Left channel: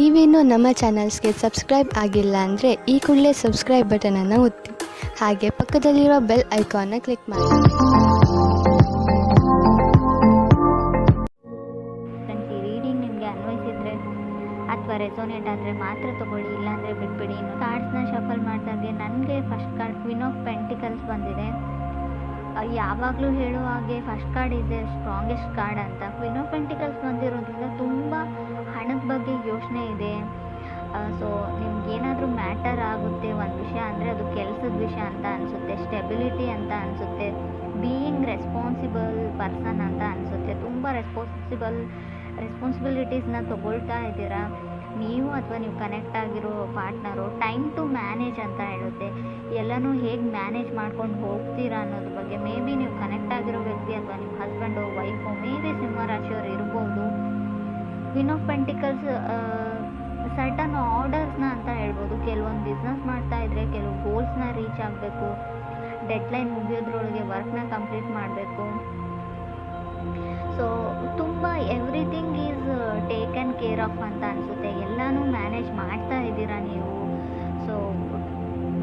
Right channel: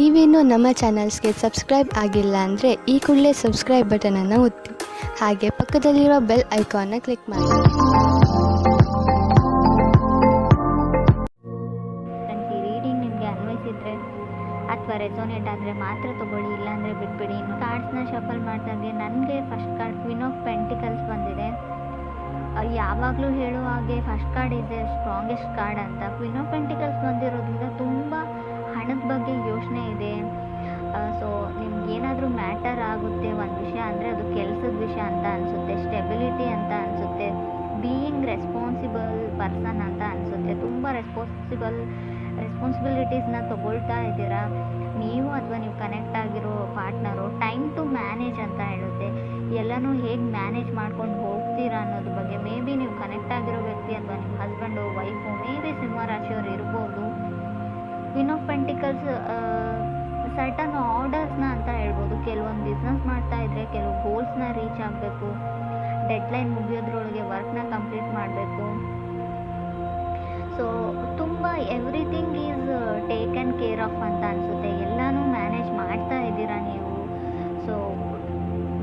ನೀವೇನೂ ನಮ್ಮ ಚಾನಲ್ಸ್ಗೆ ಸಬ್ಸ್ಕ್ರೈಬ್ ಆಗಿಲ್ಲ ಅಂದರೆ ಈ ಕೂಡಲೇ ಸಬ್ಸ್ಕ್ರೈಬ್ ಬಟನನ್ನು ಒತ್ತಿ ಹಾಗೆ ಪಕ್ಕದಲ್ಲಿರುವ ಬೆಲ್ ಐಕಾನ್ನ ಕ್ಲಿಕ್ ಮಾಡಿ. ಈ ರೀಡಿಂಗ್ ನಿಮಗೆ ಅನ್ವಯಿಸಿದ್ರೆ ಅಥವಾ ರೆಸೋನೇಟ್ ಆದರೆ ಮಾತ್ರ ತೊಗೊಳ್ಳಿ, ಇಲ್ಲಾಂದರೆ ಬಿಟ್ಬಿಡಿ. ಇನ್ನು ಕಾರ್ಡ್ಸ್ನ ಶಫಲ್ ಮಾಡ್ದಾಗೆ ನನಗೆ first card queen of pentacles ಬಂದಿದೆ. ಯಾವಾಗಲೂ ಹೇಳುವ ಹಾಗೆ first card is A strongest card ಅಂತ. ಕ್ವೀನ್ ಆಫ್ ಪೆಂಟಿಕಲ್ಸ್ ಬಂದಿರೋದ್ರಿಂದ ತುಂಬ ಹಣದ ಬಗ್ಗೆ ಯೋಚನೆ ಇದೆ. ಸೊ ನಿಮ್ಗೇನಾದರೂ ಮ್ಯಾಟರ್ ಆಗುತ್ತೆ ಒಂದು ವಿಷಯ ಅಂದರೆ ಅದು ಕೆಲಸದ ವಿಷಯ ಅಂತ ಅನಿಸುತ್ತೆ, ಸ್ಟೆಬಿಲಿಟಿ ಅಂತ ಅನಿಸುತ್ತೆ, ಬೀಯಿಂಗ್ ರೆಸ್ಪಾನ್ಸಿಬಲ್ ಪರ್ಸನ್ ಅಂತ ಅನಿಸುತ್ತೆ. ತುಂಬ ರೆಸ್ಪಾನ್ಸಿಬಿಲಿಟೀಸ್ನ ತೊಗೊಳ್ತಾ ಇದ್ದೀರಾ ನೀವು ಅಥವಾ ನೀವು ಕನೆಕ್ಟ್ ಆಗಿರೋ ಪಾರ್ಟ್ನರು. ಟೈಮ್ ಟು ಮ್ಯಾನೇಜ್ ಅಂತ ಹೇಳುತ್ತೆ. ಎಲ್ಲನೂ ಹೇಗೆ ಮ್ಯಾನೇಜ್ ಮಾಡ್ಕೊಂಡು ಹೋಗ್ತೀರಾ ಅನ್ನೋದ್ರ ಬಗ್ಗೆ. ಮೇ ಬಿ ನೀವು ಕನೆಕ್ಟ್ ಆಗಿರೋ ವ್ಯಕ್ತಿ ಅಥವಾ ನಿಮ್ಮ ಹಸ್ಬೆಂಡು ವೈಫು ಮೇ ಬಿ ಸಿಂಹ ರಾಶಿಯವರು ಇರ್ಬೋದು. ಕ್ವೀನ್ ಆಫ್ ಪೆಂಟಿಕಲ್ಸ್ ಸರ್ಟನ್ ಆರ್ಡರ್ಸ್ನ ಅಂತ ಹೇಳ್ಬೋದು. ಕೆಲವೊಂದು ಬಿಸ್ನೆಸ್ ಮಾಡ್ತಾ ಇದ್ರೆ ಕೆಲವು ಗೋಲ್ಸ್ನ ರೀಚ್ ಆಗಬೇಕು, ಡೆಡ್ಲೈನ್ ಮುಗಿಯೋದ್ರೊಳಗೆ ವರ್ಕ್ನ ಕಂಪ್ಲೀಟ್ ಮಾಡಬೇಕು. ಸೊ ತುಂಬ everything is taken care of ಅಂತ ಅನಿಸುತ್ತೆ. ಎಲ್ಲನೂ ಮ್ಯಾನೇಜ್ ಮಾಡ್ತಾ ಇದ್ದೀರಾ ನೀವು. ಸೊ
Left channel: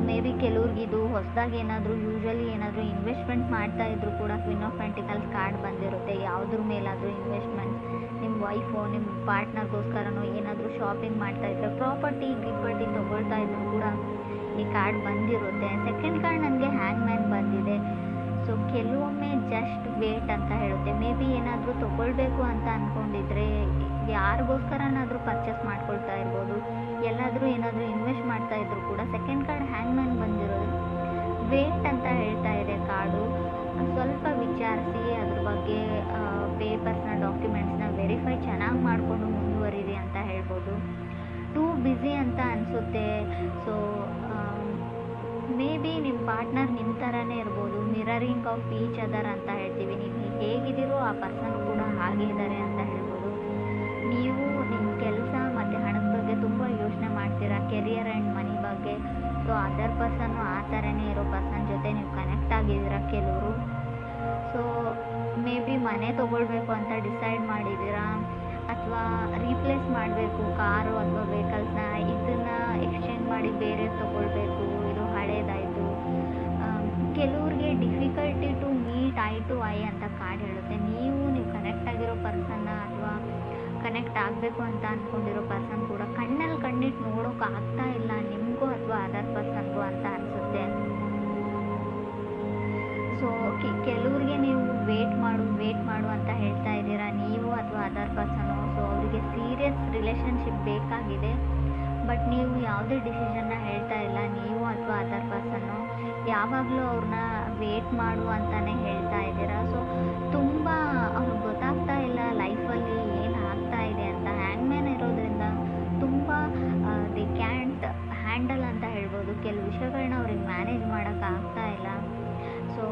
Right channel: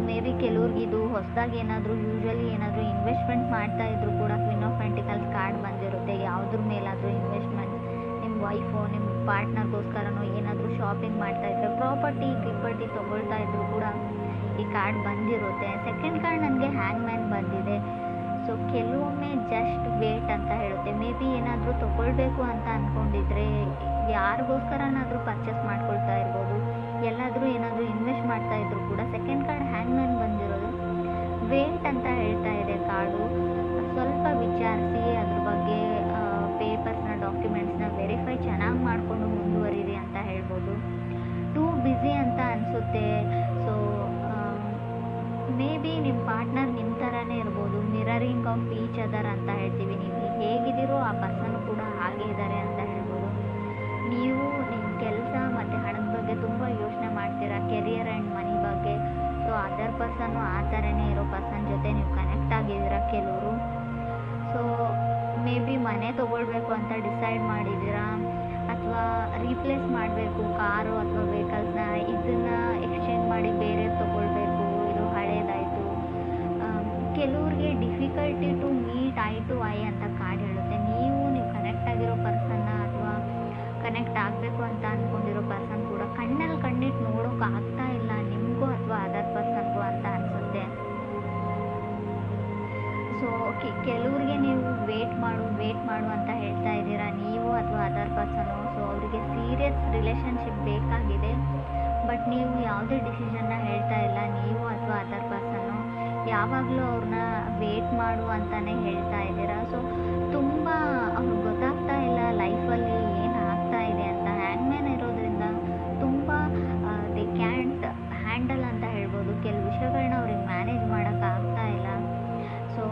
ಮೇ ಬಿ ಕೆಲವ್ರಿಗಿದು ಹೊಸದಾಗಿ ಯೂಶ್ವಲಿ ಏನಾದರೂ ಇನ್ವೆಸ್ಟ್ಮೆಂಟ್ ಮಾಡ್ತಾ ಇದ್ರು ಕೂಡ ಕ್ವೀನ್ ಆಫ್ ಪೆಂಟಿಕಲ್ಸ್ ಕಾರ್ಡ್ ಬಂದಿರುತ್ತೆ. ಯಾವುದ್ರ ಮೇಲಾದರೂ ಇನ್ವೆಸ್ಟ್ಮೆಂಟ್, ನಿಮ್ಮ ವೈಫು ನಿಮ್ಮ ಪಾರ್ಟ್ನರ್ಗೋಸ್ಕರನೋ ಏನಾದರೂ ಶಾಪಿಂಗ್ ಮಾಡ್ತಾ ಇದ್ರೆ, ಗಿಪ್ಪರ್ಟಿ ತೊಗೊಳ್ತಾ ಇದ್ರು ಕೂಡ ಈ ಕಾರ್ಡ್ ಬಂದಿರುತ್ತೆ. ಸೆಕೆಂಡ್ ಕಾರ್ಡ್ ನನಗೆ ಹ್ಯಾಂಗ್ ಮ್ಯಾನ್ ಬಂದಿದೆ. ಸೊ ಕೆಲವೊಮ್ಮೆ ಜಸ್ಟ್ ವೇಟ್ ಅಂತ ಹೇಳುತ್ತೆ. ಮೇ ಬಿ ಏನಾದರೂ ತೊಗೊಳ್ಬೇಕು ಅಂತ ಅಂದ್ಕೊಂಡಿದ್ರೆ, ಯಾರಿಗೋಸ್ಕರನಾದರೂ ಪರ್ಚೇಸ್ ಮಾಡ್ಕೊಳ್ತಾ ಇರ್ಬೋದು, ಎಲ್ಲಾದರೂ ಏನಾದರೂ ಇನ್ವೆಸ್ಟ್ ಮಾಡ್ತಾ ಇದ್ರು ಕೂಡ ಸೆಕೆಂಡ್ ಕಾರ್ಡ್ ಹ್ಯಾಂಗ್ ಮ್ಯಾನ್ ಬಂದಿರೋದು ವೇಟ್ ಅಂತ ಹೇಳ್ತಾ ಇದೆ ಕಾರ್ಡು. ಸ್ವಲ್ಪ ವಿಚಾರಿಸಿ ಅದ್ರ ಬಗ್ಗೆ ಪೇಪರ್ಸ್ನ ಡಾಕ್ಯುಮೆಂಟ್ಸ್ನ ವೆರಿಫೈ ಚೆನ್ನಾಗಿ ಮಾಡಿಕೊಂಡು ಮುಂದುವರಿರಿ ಅಂತ ಹೇಳ್ಬೋದು. ಟೂ ಬ್ಯುಸಿ ಅಂತ ಅನಿಸುತ್ತೆ. ಸೊ ಮೇ ಬಿ ನಿಮ್ಮ ಪಾರ್ಟ್ನರ್ ನಿಮ್ಮ ಥರನೇ ಇರ್ಬೋದು. ಮಿರರಿಂಗ್ ಆಫ್ ಈಚ್ ಅದರ್ ಅಂತ ಹೇಳ್ತೀವಿ. ನೀವು ಹೇಗಿದ್ದೀರೋ ಆ ಪರ್ಸನ್ ಕೂಡ ಹಾಗೆ ಇದ್ದಾರೆ ಅಂತ ಹೇಳ್ಬೋದು. ನೀವು ನಿಮ್ಮ ಕೆಲಸ ಮತ್ತು ಹಣದ ಬಗ್ಗೆ ತುಂಬ ಯೋಚನೆ ಮಾಡ್ತೀರಾ, ಕೆರಿಯರ್ ಆ್ಯಂಡ್ ಮನಿ ಬಗ್ಗೆ. ಸೊ ಅದರ್ ಪರ್ಸನ್ನು ಆ ಥರನೇ ಇರೋ ಪರ್ಸನ್ ಜೊತೆ ನೀವು ಕನೆಕ್ಟ್ ಆಗಿದ್ದೀರಾ ಕೆಲವರು. ಸೊ ಮೇ ಬಿ ಮನೆ ತೊಗೊಳ್ಬೇಕು ಅಂತ ಡಿಸೈಡ್ ಮಾಡಿದ್ದೀರಾ, ಅಥವಾ ರೀಪ್ಲೇಸ್ ಮಾಡಬೇಕು ಕಾರು ಅಥವಾ ವೆಹಿಕಲ್ಸ್ನ, ಇದನ್ನು ಎಕ್ಸ್ಚೇಂಜ್ ಮಾಡಿ ಬೇರೆ ತೊಗೊಳ್ಬೇಕು, ಇದು ಹಳೇದಾಯಿತು. ಕೆಲವ್ರಿಗೆ difficulty to meet eye to eye ಅಂತ ಕಾರ್ಡ್ ಹೇಳುತ್ತೆ. ನೀವು ಕನೆಕ್ಟ್ ಆಗಿರೋ ಪರ್ಸನ್ನ ಅಥವಾ ಕನೆಕ್ಟ್ ಆಗಬೇಕು ಅಂತ ಅಂದ್ಕೊಂಡಿರೋ ಪರ್ಸನ್ ಕೂಡ ಕಣ್ಣಲ್ಲಿ ಕಣ್ಣಿಟ್ಟು ನೋಡೋಕೆ ಆಗ್ತಾ ಇಲ್ಲ ನಿಮಗೂ ಅಥವಾ ಅದರ್ ಪರ್ಸನ್ಗೂ ಅಂತ ಅನಿಸುತ್ತೆ. ಸೊ ಕೆಲವ್ರಿಗೆ ನೀವು ವೇಟ್ ಮಾಡು ಅಂತ ಹೇಳ್ತಾ ಇದ್ದೀರಾ ನೀವು ಅಥವಾ ಅದರ್ ಪರ್ಸನು. ಸೊ ಅವರಿಗೆ ಸೀರಿಯಸ್ ರಿಲೇಷನ್ಶಿಪ್ ಬೇಕಾಗಿದೆ, ಬಟ್ ನೀವು ಯಾವುದೇ ಡಿಸಿಷನ್ನ ಹೇಳ್ತಾ ಇಲ್ಲ ನೀವು ಅಥವಾ ಅದರ್ ಪರ್ಸನ್ನು. ಯಾವಾಗಲೂ ಅವ್ರನ್ನ ವೇಟ್ ಮಾಡು ಅಂತಲೇ ಹೇಳ್ತಾ ಇದ್ದೀರಾ. ಸೊ ತುಂಬ ಅವ್ರಿಗೆ ಗೊತ್ತಾಗ್ತಾ ಇಲ್ಲ ಲೈಫಲ್ಲಿ ಏನು ಆಗ್ತಾ ಇದೆ ಅಂತ. ಹ್ಯಾಂಗ್ ಮ್ಯಾನ್ ಇರೋದ್ರಿಂದ ತುಂಬ ದೇ ಕ್ಯಾಂಟ್ ಹ್ಯಾಂಡಲ್ ಅಂತ ಹೇಳ್ಬೋದು. ಕೆಲವು ವಿಷಯಗಳನ್ನ ಅವ್ರಿಗೆ ಮ್ಯಾನೇಜ್ ಮಾಡೋಕ್ಕಾಗ್ತಾ ಇಲ್ಲ. ಸೊ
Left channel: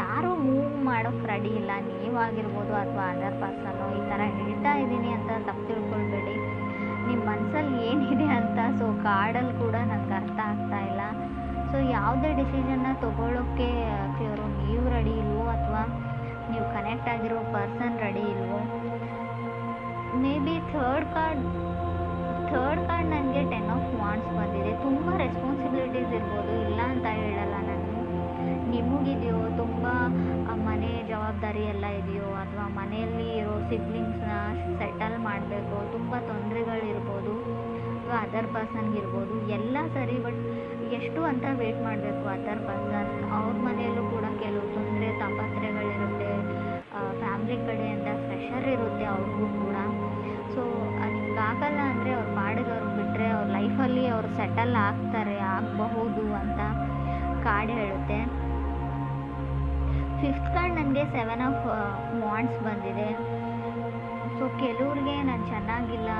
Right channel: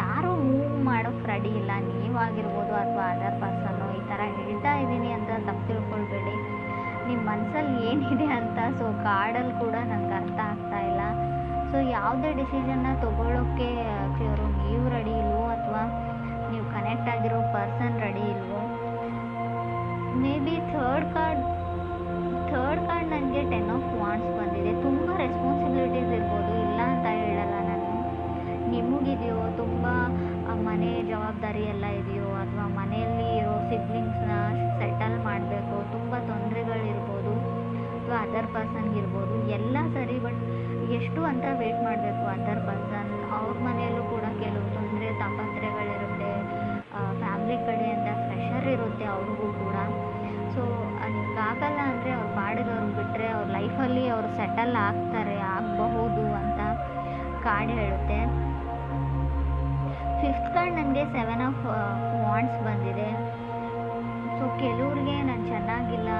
ಯಾರೂ ಮೂವ್ ಮಾಡೋಕ್ಕೆ ರೆಡಿ ಇಲ್ಲ, ನೀವಾಗಿರ್ಬೋದು ಅಥವಾ ಅದರ್ ಪರ್ಸನ್ನು. ಈ ಥರ ಹೇಳ್ತಾ ಇದ್ದೀನಿ ಅಂತ ತಪ್ಪು ತಿಳ್ಕೊಳ್ಬೇಡಿ, ನಿಮ್ಮ ಮನಸ್ಸಲ್ಲಿ ಏನಿದೆ ಅಂತ. ಸೊ ಕಾರ್ಡಲ್ಲಿ ಕೂಡ ನನಗೆ ಅರ್ಥ ಆಗ್ತಾ ಇಲ್ಲ. ಸೊ ಯಾವುದೇ ಡಿಸಿಷನ್ನ ತೊಗೊಳ್ಳೋಕ್ಕೆ ನೀವು ರೆಡಿ ಇಲ್ವೋ ಅಥವಾ ನೀವು ಕನೆಕ್ಟ್ ಆಗಿರೋ ಪರ್ಸನ್ ರೆಡಿ ಇಲ್ವೋ. ಮೇ ಬಿ ಥರ್ಡ್ ಕಾರ್ಡ್ ನನಗೆ 10 ಆಫ್ ವಾಂಡ್ಸ್ ಬಂದಿದೆ. ತುಂಬ ರೆಸ್ಪಾನ್ಸಿಬಿಲಿಟೀಸ್ ಇರ್ಬೋದು, ಇಲ್ಲ ಅಂತ ಹೇಳಲ್ಲ ನಾನು. ನಿಮಗಿದೆಯೋ ತುಂಬ ಮನೆ ಜವಾಬ್ದಾರಿ ಎಲ್ಲ ಇದೆಯೋ, ಅಥವಾ ಮನೆಯಲ್ಲಿ ಇರೋ ಸಿಬ್ಲಿಂಗ್ಸ್ನ ಸೆಟಲ್ ಮಾಡಬೇಕು, ತುಂಬ ತೊಂದರೆಗಳಿರ್ಬೋದು, ಅಥವಾ ಅದರ್ ಪರ್ಸನ್ಗಿರ್ಬೋದು, ಎಲ್ಲ ಸರಿ. ಬಟ್ ಎಷ್ಟು ಅಂತ ವೇಟ್ ಮಾಡಬೇಕು ಅದರ್ ಪರ್ಸನ್. ಅವ್ರ ಮನೆಯಲ್ಲೂ ಕೂಡ ಕೆಲವು ತೊಂದರೆ ತಾಪತ್ರೆಗಳಿರುತ್ತೆ, ಫ್ಯಾಮ್ಲಿ ಕಡೆಯಿಂದ ಪ್ರೆಷರ್ ಇರುತ್ತೆ ಅವ್ರಿಗೂ ಕೂಡ. ಸೊ ನಿಮ್ಗಾಗಲ್ಲ ಅಂದರೆ ಅವ್ರ ಪಾಡಿಗೆ ಅವ್ರಿಗೆ ಬಿಟ್ಟರೆ ಅವ್ರ ಲೈಫಲ್ಲಿ ಅವರು ಸೆಟಲ್ ಆಗಬಹುದು ಅಂತ ಕಾರ್ಡ್ ಹೇಳುತ್ತೆ. ಫಿಫ್ತ್ ಕಾರ್ಡ್ ನನಗೆ 7 ಆಫ್ ವಾಂಡ್ಸ್ ಬಂದಿದೆ. ಸೊ ಕೆಲವ್ರಿಗೆ ನಾನು ಚೆನ್ನಾಗಿಲ್ಲ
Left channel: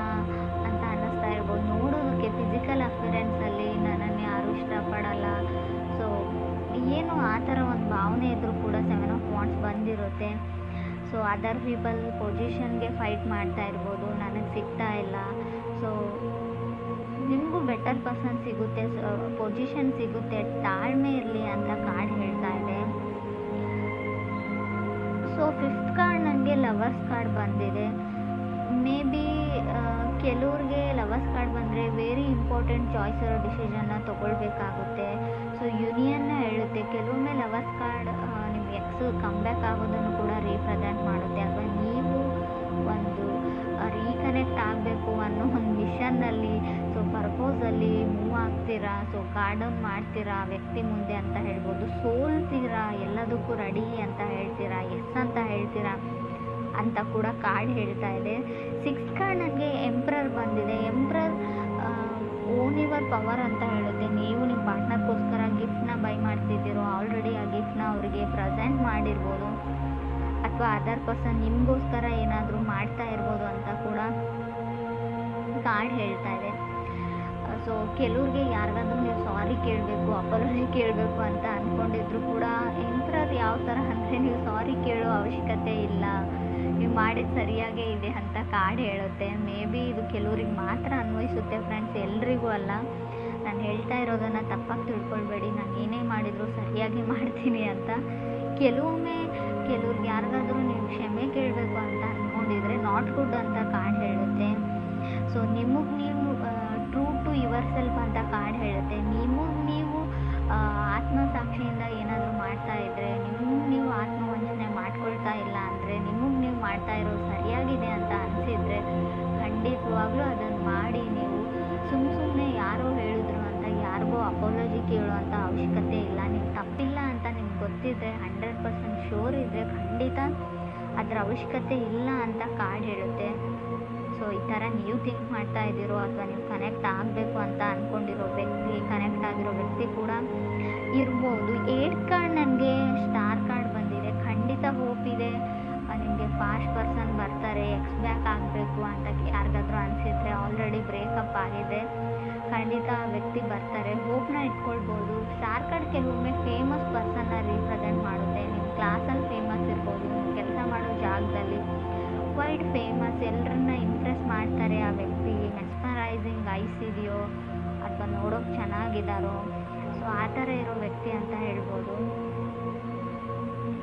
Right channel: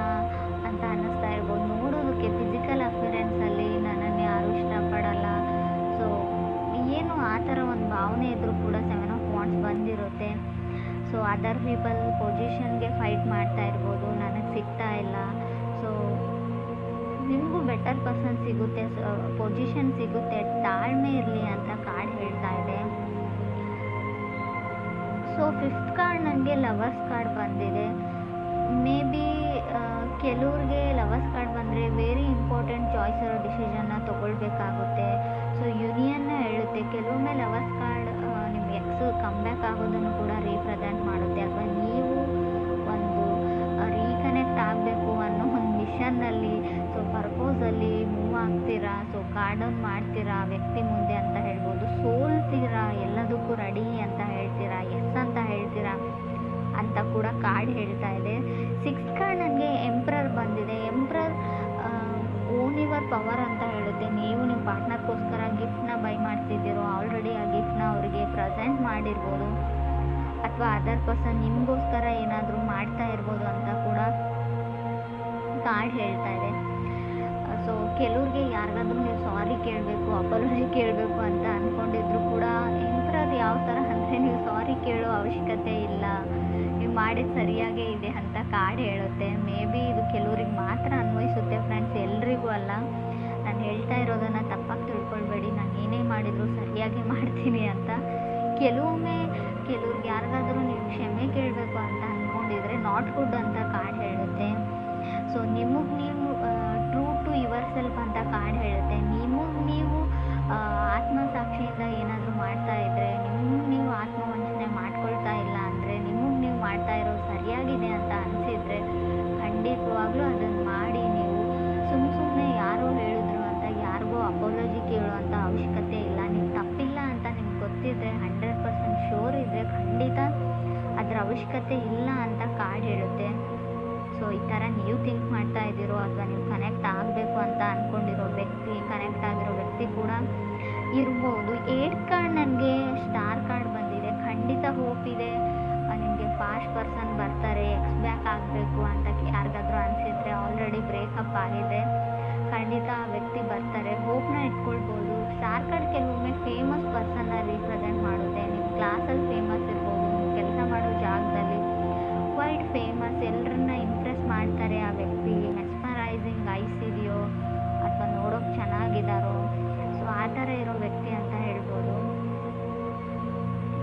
ಅಂತ ಅನ್ನಿಸ್ತಾ ಇರ್ಬೋದು. ನೋಡೋದಕ್ಕೆ ಫಿಸಿಕಲ್ ಅಪಿಯರೆನ್ಸಲ್ಲಿ ನನ್ನನ್ನು ಯಾರೂ ಇಷ್ಟಪಡಲ್ಲ, ಸೊ ಏನು ಆ ಥರ ಒಂದು ಭಾವನೆ ಇದ್ದರೂ ಕೂಡ 7 ಆಫ್ ವಾಂಡ್ಸ್ ಬಂದಿರುತ್ತೆ. ಸೊ ಅದರ್ ಪೀಪಲ್ ಪೊಸಿಷನ್ಗೆ ಫೈಟ್ ಮಾಡ್ತಾ ಇರ್ಬೋದು, ನನಗೆ ಸಿಗ್ತಾ ಇಲ್ಲ. ಸೊ ನಿಮಗೂ ಬೆಟರ್ ಪರ್ಸನ್ ಸಿಗುತ್ತೆ, ಪೊಸಿಷನ್ ಸಿಗುತ್ತೆ, ತಾಳ್ಮೆ ಇರಲಿ ಅಂತ ಕಾರ್ಡ್ ಹೇಳ್ತಾ ಇದೆ. ಸೊ ಫಿಫ್ತ್ ಕಾರ್ಡ್ ನನಗೆ ಲವರ್ಸ್ ಕಾರ್ಡ್ ಬಂದಿದೆ. ಮೇ ಬಿ ಕೆಲವ್ರಿಗೆ ಲವರ್ಸ್ ಕಾರ್ಡ್ ಬಂದರೆ ವೆರಿ ಇಂಪಾರ್ಟೆಂಟ್ ಚಾಯ್ಸ್ ಇರೋ ಡಿಸಿಷನ್ನ ತೊಗೊಳ್ಬೇಕಾಗುತ್ತೆ. ಸೊ ಯೂನಿಯನ್ನ ಹೇಳುತ್ತೆ. ಕೆಲವೊಮ್ಮೆ ಲವರ್ಸ್ ಕಾರ್ಡ್ ನಿಮ್ಮ ಎಕ್ಸ್ ಕಮ್ಬ್ಯಾಕ್ ಆಗೋದನ್ನು ಕೂಡ ರೀಪ್ರೆಸೆಂಟ್ ಮಾಡುತ್ತೆ, ಅಥವಾ ನೀವು ಒಂದು ರೀಕನೆಕ್ಟ್ ಆಗಬೇಕು ಅನ್ನೋ ಒಂದು ಮಿಷನ್ನಲ್ಲಿ, ಸೊ ಪರ್ಪೋಸಲ್ಲಿ ಮೂವ್ ಆಗ್ತೀರಾ. ಸೊ ಕಾರ್ಡ್ ಡೌನ್ ಮಾಡ್ತೀರಾ ವ್ಯಕ್ತಿ ಮುಂದೆ ಅಂತ ಹೇಳ್ಬೋದು. ಸೋಲ್ತೀರಾ, ಎಲ್ಲದಕ್ಕೂ ರೆಡಿ ಅಂತ ಹೇಳ್ತೀರಾ, ಎಸ್ ಅಂತ ಹೇಳ್ತೀರಾ ಅಂತ ಕೂಡ ಕಾರ್ಡ್ ಹೇಳ್ತಾ ಇದೆ. 6 ಕಾರ್ಡ್ ನನಗೆ ಎಂಪ್ರರ್ ಬಂದಿದೆ. ಎಂಪ್ರರ್ ಓನ್ ಯುವರ್ ಪವರ್ ಅಂತ ಹೇಳುತ್ತೆ. ನೀವು ನಿಮ್ಮ ಪಾರ್ಟ್ನರ್ಗೋಸ್ಕರ ಗಿಫ್ಟ್ನ ಬೈ ಮಾಡ್ತಿದ್ದೀರೋ, ಆಲ್ರೆಡಿ ಆ ಗಿಫ್ಟ್ನ ಅವರಿಗೆ ಪ್ರೆಸೆಂಟ್ ಮಾಡಿರ್ಬೋದು, ಅಥವಾ ಅದರ್ ಪರ್ಸನ್ ನಿಮಗೋಸ್ಕರ ಏನಾದರೂ ಮಾಡ್ತಾ ಇರ್ಬೋದು ಅಂತ ಕೂಡ ಕಾರ್ಡ್ ಹೇಳ್ತಾ ಇದೆ. ಸೊ ಕೆಲವ್ರಿಗೆ ಯಾರಿಗಾದ್ರೂ ನೀವು ಸಾರಿ ಕೇಳಬೇಕು, ಅಪಾಲಜಿ ಕೇಳಬೇಕು ಅಂತ ಅಂದ್ಕೊಂಡಿದ್ರು ಕೂಡ ಎಂಪ್ರರ್ ಯಾವ ಥರ ಅಂದರೆ ನೀವು ಸಾರಿ ಕೇಳೋ ಅವಶ್ಯಕತೆ ಇಲ್ಲ, ನೀವು ಮಾಡಿದ ಸರಿಯಾಗೇ ಇದೆ ಅಂತ ಕಾರ್ಡ್ ಹೇಳುತ್ತೆ. ಮೇ ಬಿ ಇದು ಕೆಲವ್ರಿಗೆ ಮಾತ್ರ ಅನ್ವಯಿಸುತ್ತೆ ಫ್ರೆಂಡ್ಸ್, ಎಲ್ರಿಗೂ ಅಲ್ಲ. ನಾನು ಹೇಳ್ತಾ ಇರೋದನ್ನು ತಪ್ಪಾಗಿ ತಿಳ್ಕೊಳ್ಬೇಡಿ, ನಾನು ಏನೇ ಮಾಡಿದರೂ ಸರಿಯಾಗಿ ಮಾಡ್ತೀನಿ ಅಂತ. ಕೆಲವ್ರಿಗೆ ಯಾರಿಗಾದ್ರೂ ನೀವು ಕ್ಷಮೆ ಕೇಳಬೇಕು ಅಂತ ಅಂದ್ಕೊಂಡಿದ್ರೆ ನಾಟ್ ಗುಡ್ ಅಂತ ಕಾರ್ಡ್ ಹೇಳುತ್ತೆ. ಸೊ ನಿಮಗೆ ನೀವು ಟ್ರೂ ಟು ಯುವರ್ ಸೆಲ್ಫ್ ಅಂತ ಕಾರ್ಡ್ ಹೇಳುತ್ತೆ. ನೀವು ಆತ್ಮಸಾಕ್ಷಿಯಿಂದ ಏನಾದರೂ ಮಾಡ್ತಾ ಇದ್ದರೆ, ನೀವು ಆತ್ಮವಂಚನೆ ಮಾಡ್ಕೊಳ್ತಾ ಇಲ್ಲ ಅಂದರೆ, ನಿಮಗೆ ನೀವು ಮಾಡ್ತಾ ಇರೋದು ಸರಿಯಾಗಿದೆ ಅಂತ ಅನಿಸಿದರೆ ಖಂಡಿತವಾಗ್ಲೂ ಅದನ್ನು ಮಾಡಿ. ನೀವು ಸುಮ್ಮನೆ ಯಾರೋ ಹೇಳಿದ್ರು ಅಂತ ಯಾರಿಗೋ ಅಪಾಲಜಿ ಕೇಳುವಂಥ ಅವಶ್ಯಕತೆ ಇಲ್ಲ. ನೀವು ತಪ್ಪಿಲ್ಲ ಅಂತ ನಿಮ್ಗೆ ಗೊತ್ತಿದ್ದರೆ, 100% ಶೋರ್ ಇದ್ದರೆ ಖಂಡಿತ ಅದರ ಅವಶ್ಯಕತೆ ಇಲ್ಲ ಅಂತ ಕಾರ್ಡ್ ಹೇಳುತ್ತೆ. ಸೊ ಈ ಥರ ನೀವು ಥಿಂಕ್ ಮಾಡ್ತಾ ಇದ್ದೀರೋ, ಅಥವಾ ನೀವು ಕನೆಕ್ಟ್ ಆಗಬೇಕು ಅಂತ ಅಂದ್ಕೊಂಡಿರೋ ವ್ಯಕ್ತಿ, ಕನೆಕ್ಟ್ ಆಗಿರೋ ವ್ಯಕ್ತಿ ಕೂಡ ಇರ್ಬೋದು. 8 ಕಾರ್ಡ್ ನನಗೆ ಸ್ಟಾರ್ ಕಾರ್ಡ್ ಬಂದಿದೆ. ಖಂಡಿತ ಹೋಪ್ ಇದೆ, ನಿಮಗೆ ಫಾಸ್ಟ್ ಪರ್ಸನ್ ಬರ್ತಾರೆ. ಎಕ್ಸ್ ಬ್ಯಾಕ್ ಆಗಬೇಕು ಅಂತ ಯಾರಿಗಾದ್ರೂ ಅನಿಸಿದರೆ, ಆಲ್ರೆಡಿ ಬ್ರೇಕಪ್ ಆಗಿದೆ, ಖಂಡಿತ ಆ ವ್ಯಕ್ತಿ ಬರ್ತಾರೆ. ಹೋಪ್ನ ಇಟ್ಕೊಳ್ಬೋದು. ಸ್ಟಾರ್ ಕಾರ್ಡ್ ಕೆಲವೊಮ್ಮೆ ಫೇಮಸ್ ಪರ್ಸನ್ನ ರೀಪ್ರೆಸೆಂಟ್ ಮಾಡುತ್ತೆ. ನಿಮ್ಮ ಕ್ಲಾಸಲ್ಲಿ ಫೇಮಸ್ ಇರ್ಬೋದು, ನೀವು ಕೆಲಸ ಮಾಡೋ ಜಾಗದಲ್ಲಿ ವೈಡ್ ಫೇಮಸ್, ಎಲ್ಲರನ್ನ ಇಂಪ್ರೆಸ್ ಮಾಡ್ತಾರೆ ಆ ವ್ಯಕ್ತಿ. ಮೆಸ್ಮರೈಸಿಂಗ್ ಐಸ್ ಇದೆಯೋ, ಅಥವಾ ನೋಡೋಕೆ ಚೆನ್ನಾಗಿದ್ದಾರೋ, ಸೊ ಆ ಥರ ಇರೋ ವ್ಯಕ್ತಿ ಅಂತ ಹೇಳ್ಬೋದು.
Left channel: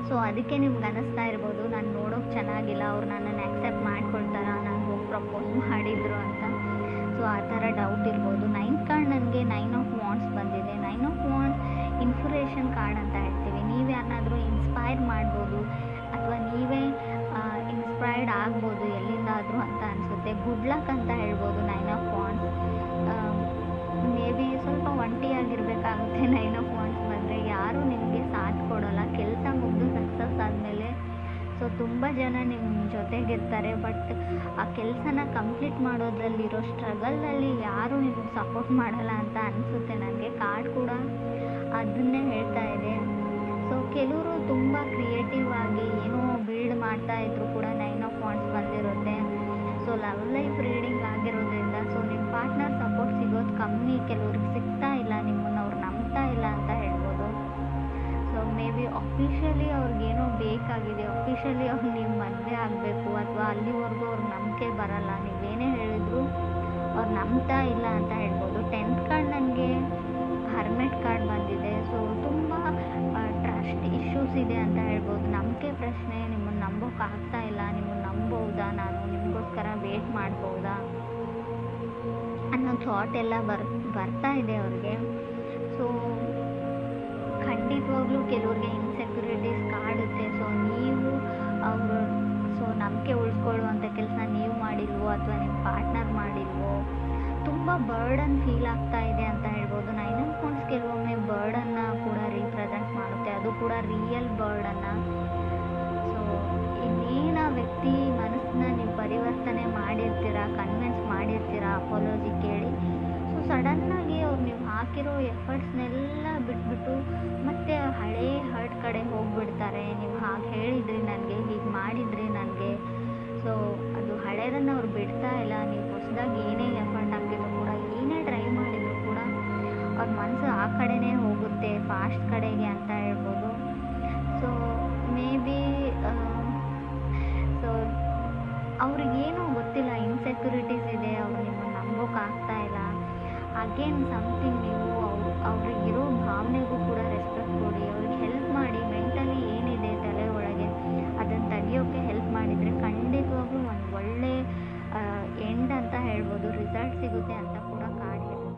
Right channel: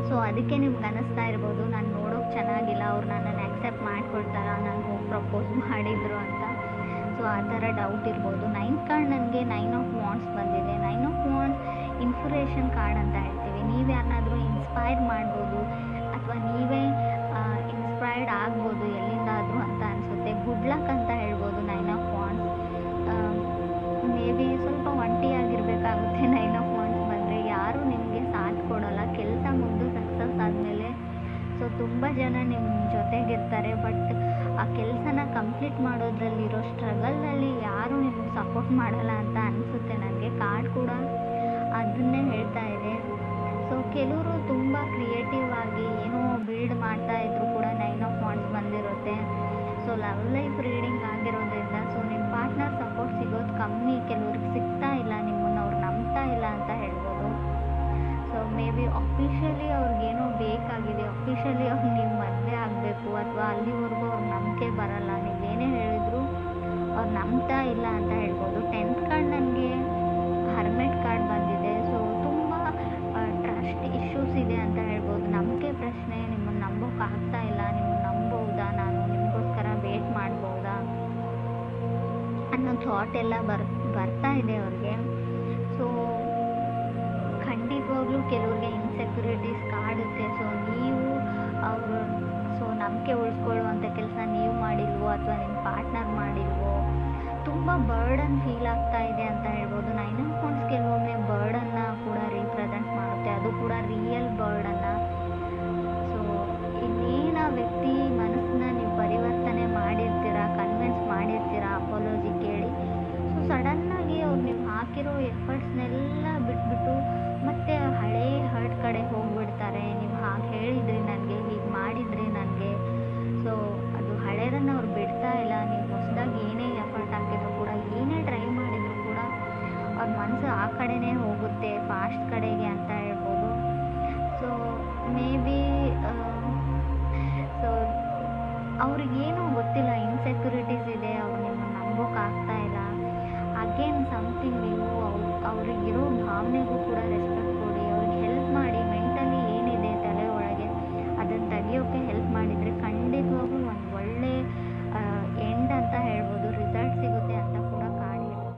ಸೊ ಅದಕ್ಕೆ ನಿಮ್ಗೆ ಅನ್ನಿಸ್ತಾ ಇರ್ಬೋದು, ನಾನು ನೋಡೋಕೆ ಚೆನ್ನಾಗಿಲ್ಲ, ಅವ್ರು ನನ್ನನ್ನು ಆ್ಯಕ್ಸೆಪ್ಟ್ ಮಾಡ್ಕೊಳ್ತಾರ, ನಾನು ಹೋಗಿ ಪ್ರಪೋಸ್ ಮಾಡಿದ್ರು ಅಂತ. ಸೊ ಆ ಥರ ಡೌಟ್ ಇರ್ಬೋದು. 9 ಕಾರ್ಡ್ ನನಗೆ 9 ಆಫ್ ವಾಂಡ್ಸ್ ಬಂದಿದೆ. 9 ಆಫ್ ವಾಂಡ್ಸ್ ಇನ್ಸ್ಪಿರೇಷನ್ ಕಾರ್ಡ್ ಅಂತ ಹೇಳ್ತೀವಿ. ನೀವು ಯಾರನ್ನಾದರೂ ಇನ್ಸ್ಪೈರ್ ಮಾಡ್ಬೋದು, ಅಥವಾ ನೀವೇ ಇನ್ಸ್ಪೈರ್ಡ್ ಆಗ್ಬೋದು ಎಲ್ಲಿಂದಾದರೂ ಅಂತ ಅನಿಸುತ್ತೆ. ಗುಡ್ ಲಕ್ ಅಂತ ಹೇಳ್ಬೋದು 9 ಆಫ್ ವಾಂಡ್ಸ್. ಮೇ ಬಿ ಸ್ವಲ್ಪ ಒಂಟಿಯಾಗಿರಬೇಕಾಗುತ್ತೆ 9 ಆಫ್ ವಾಂಡ್ಸ್ ಬಂದರೆ. ಯಾರೂ ನಿಮಗೆ ಸಾಥ್ ಕೊಡೋಲ್ಲ. ಕೆಲಸ ಮುಗಿದು ಸಕ್ಸಸ್ ಆದಮೇಲೆ ಸೊ ತುಂಬ ಜನ ನಿಮ್ಮ ಜೊತೆಗಿರ್ತಾರೆ, ಬಟ್ ಆ ಕೆಲಸನ ಕಂಪ್ಲೀಟ್ ಮಾಡೋದ್ರಲ್ಲಿರೋ ಸ್ಟ್ರಗಲ್ನಲ್ಲಿ ಯಾರೂ ನಿಮಗೆ ಸಪೋರ್ಟ್ ಮಾಡಲ್ಲ ಅಂತ ಅನಿಸುತ್ತೆ ನನಗೆ. ಕಾರ್ಡ್ ಕೂಡ ಅದನ್ನೇ ಹೇಳ್ತಾ ಇದೆ. ಸೊ ಕೆಲವರು ತುಂಬ ಕ್ರಿಯೇಟಿವ್ ಆಗಿ ಏನೋ ಬಿಲ್ಡ್ ಮಾಡ್ತಾ ಇದ್ರು ಕೂಡ 9 ಆಫ್ ವಾಂಡ್ಸ್ ಬಂದಿರುತ್ತೆ. ಸೊ ಲವ್ ಲೈಫ್ ರೀಡಿಂಗ್ ಆಗಿರೋದ್ರಿಂದ ಸೊ ನಿಮ್ಮ ಪಾರ್ಟ್ನರ್ ಸಪೋರ್ಟ್ ಸಿಗೋದು ಕಮ್ಮಿ, ಕೆಲವ್ರಿಗೆ ಸಿಗ್ತಾ ಇಲ್ಲ, ನಿಮ್ಮನ್ನು ಅವ್ರು ನಂಬ್ತಾ ಇಲ್ಲ ಅಂತ ಹೇಳ್ಬೋದು. ಸೊ ಮೇ ಬಿ ಅಫಿಷಿಯಲಿ ಅವ್ರಿಗೇನೋ ಬೇಕಾಗಿದೆ, ಅಫಿಷಿಯಲಿ ಅವ್ರು ನೀವು ಮದುವೆ ಆಗಬೇಕು, ಅಥವಾ ಅಲ್ಲಿವರೆಗೂ ಅವ್ರಿಗೆ ನಂಬಿಕೆ ಬರಲ್ಲ, ನೀವೇನೇ ಹೇಳಿದ್ರು ಅವ್ರು ನಂಬ್ತಾ ಇಲ್ಲ ಅಂತ ಹೇಳ್ಬೋದು. 10th ಕಾರ್ಡ್ ನನಗೆ ಹರ್ಮೆಟ್ ಕಾರ್ಡ್ ಬಂದಿದೆ. ಸೊ ತುಂಬ ಟ್ರಸ್ಟ್ ಇಶ್ಯೂಸ್ ಇದೆ ಅಂತ ಹೇಳ್ಬೋದು. ನಂಬಿಕೆ ಪ್ರಶ್ನೆ, ನಿಮ್ಮನ್ನು ನಂಬೋಕ್ಕಾಗ್ತಾ ಇಲ್ಲ, ನಿಮ್ಮನ್ನು ನಂಬೋದಾ, ನಾನು ನಿಮಗೋಸ್ಕರ ವೇಟ್ ಮಾಡ್ಬೋದಾ ಅನ್ನೋ ಥಾಟ್ ಎಲ್ಲ ಬರ್ತಾ ಇದೆ ಅವ್ರಿಗೆ. ಸೊ ಖಂಡಿತವಾಗ್ಲೂ ಕೆಲವ್ರಿಗೆ ಇನ್ಸೆಕ್ಯೂರಿಟೀಸ್ ಕಾಡುತ್ತೆ. ಸೊ ನೀವು ಅವರು ನಂಬಿಕೆ ಉಳಿಸ್ಕೊಳ್ಳುವಂಥ ಕೆಲಸ ನೀವು ಮಾಡಿಲ್ವೋ, ಅಥವಾ ನಿಮ್ಮ ಪಾರ್ಟ್ನರ್ ಮಾಡಿಲ್ವೋ, ತುಂಬ ಬರ್ಡನ್ ಫೀಲ್ ಆಗ್ತಾ ಇದೆ ಅಂತ ಹೇಳ್ಬೋದು. 9 ಆಫ್ ವಾಂಡ್ಸ್ ಕೆಲವೊಮ್ಮೆ ಬರ್ಡನ್ನು ಕೂಡ ರೀಪ್ರೆಸೆಂಟ್ ಮಾಡುತ್ತೆ, ಅದು ಕೂಡ ರಿಯಲ್ ಬರ್ಡನ್ನು. ಸೊ ಇನ್ನೇನು ಆ ವ್ಯಕ್ತಿ ಮನಸ್ಸನ್ನ ನೀವು ಪರಿವರ್ತನೆ ಮಾಡಿರ್ತೀರ, ಕನ್ವಿನ್ಸ್ ಮಾಡಿರ್ತೀರ ಅಪಾಲಜಿ ಕೇಳಿ. ಸೊ ಸಡನ್ನಾಗಿ ಅವ್ರು ನೀವು ಹಾಕಿರೋ ಎಫರ್ಟ್ಸ್ನೆಲ್ಲ ಬಿಟ್ಬಿಟ್ಟು ಮತ್ತೆ ಹಳೇ ಹರ್ಟ್ ಕಡೆ ಹೋಗಿಬಿಡ್ತಾರೆ. ನೀವು ಹಾಗೆ ಹೇಳಿದ್ರಿ ನನಗೆ, ಹೀಗೆ ಮಾಡಿದ್ರಿ ನನಗೆ. ಸೊ ಅದು ಹಳೇದನ್ನು ಅವ್ರು ಬಿಡ್ತಾ ಇಲ್ಲ. ನೀವು ಹೊಸದಾಗಿ ಏನೇ ಎಫರ್ಟ್ ಹಾಕಿದ್ರು ಕೂಡ, ಏನೇ ಟ್ರೈ ಮಾಡಿದ್ರು ಕೂಡ ಅವ್ರ ಮನಸ್ಸು ಆ ಕಡೆನೇ ಹೋಗುತ್ತೆ, ಫಾಸ್ಟ್ ಕಡೆಗೆ ಅಂತ ಹೇಳ್ಬೋದು. ಸೊ ಮೇ ಬಿ ಸೊ ಅವ್ರಿಗೇನೋ ಗೊತ್ತಿಲ್ಲ, ಇನ್ಸೆಕ್ಯೂರಿಟೀಸ್ ಇದೆ, ಅವ್ರು ನಿಮ್ಮನ್ನು ನಂಬೋಕ್ಕಾಗ್ತಾ ಇಲ್ಲ. ಅಗೇನ್ ಸಮಥಿಂಗ್ ನೀವು ಅವ್ರಿಗಿರೋ ಭಾವನೆಗೂ ಕೂಡ ರೆಸ್ಪೆಕ್ಟ್ ಕೊಡಿ, ಅವ್ರಿಗೆ ಹೆಲ್ಪ್ ಮಾಡಿ. ಮೆಂಟಲಿ ಏನಿದೆ ತಲೆ ಒಳಗೆ ಅದನ್ನು ತೆಗಿಯೋಕ್ಕೆ ಹೆಲ್ಪ್ ಮಾಡಿದರೆ ಖಂಡಿತವಾಗ್ಲೂ ಒಂದು ಒಳ್ಳೆ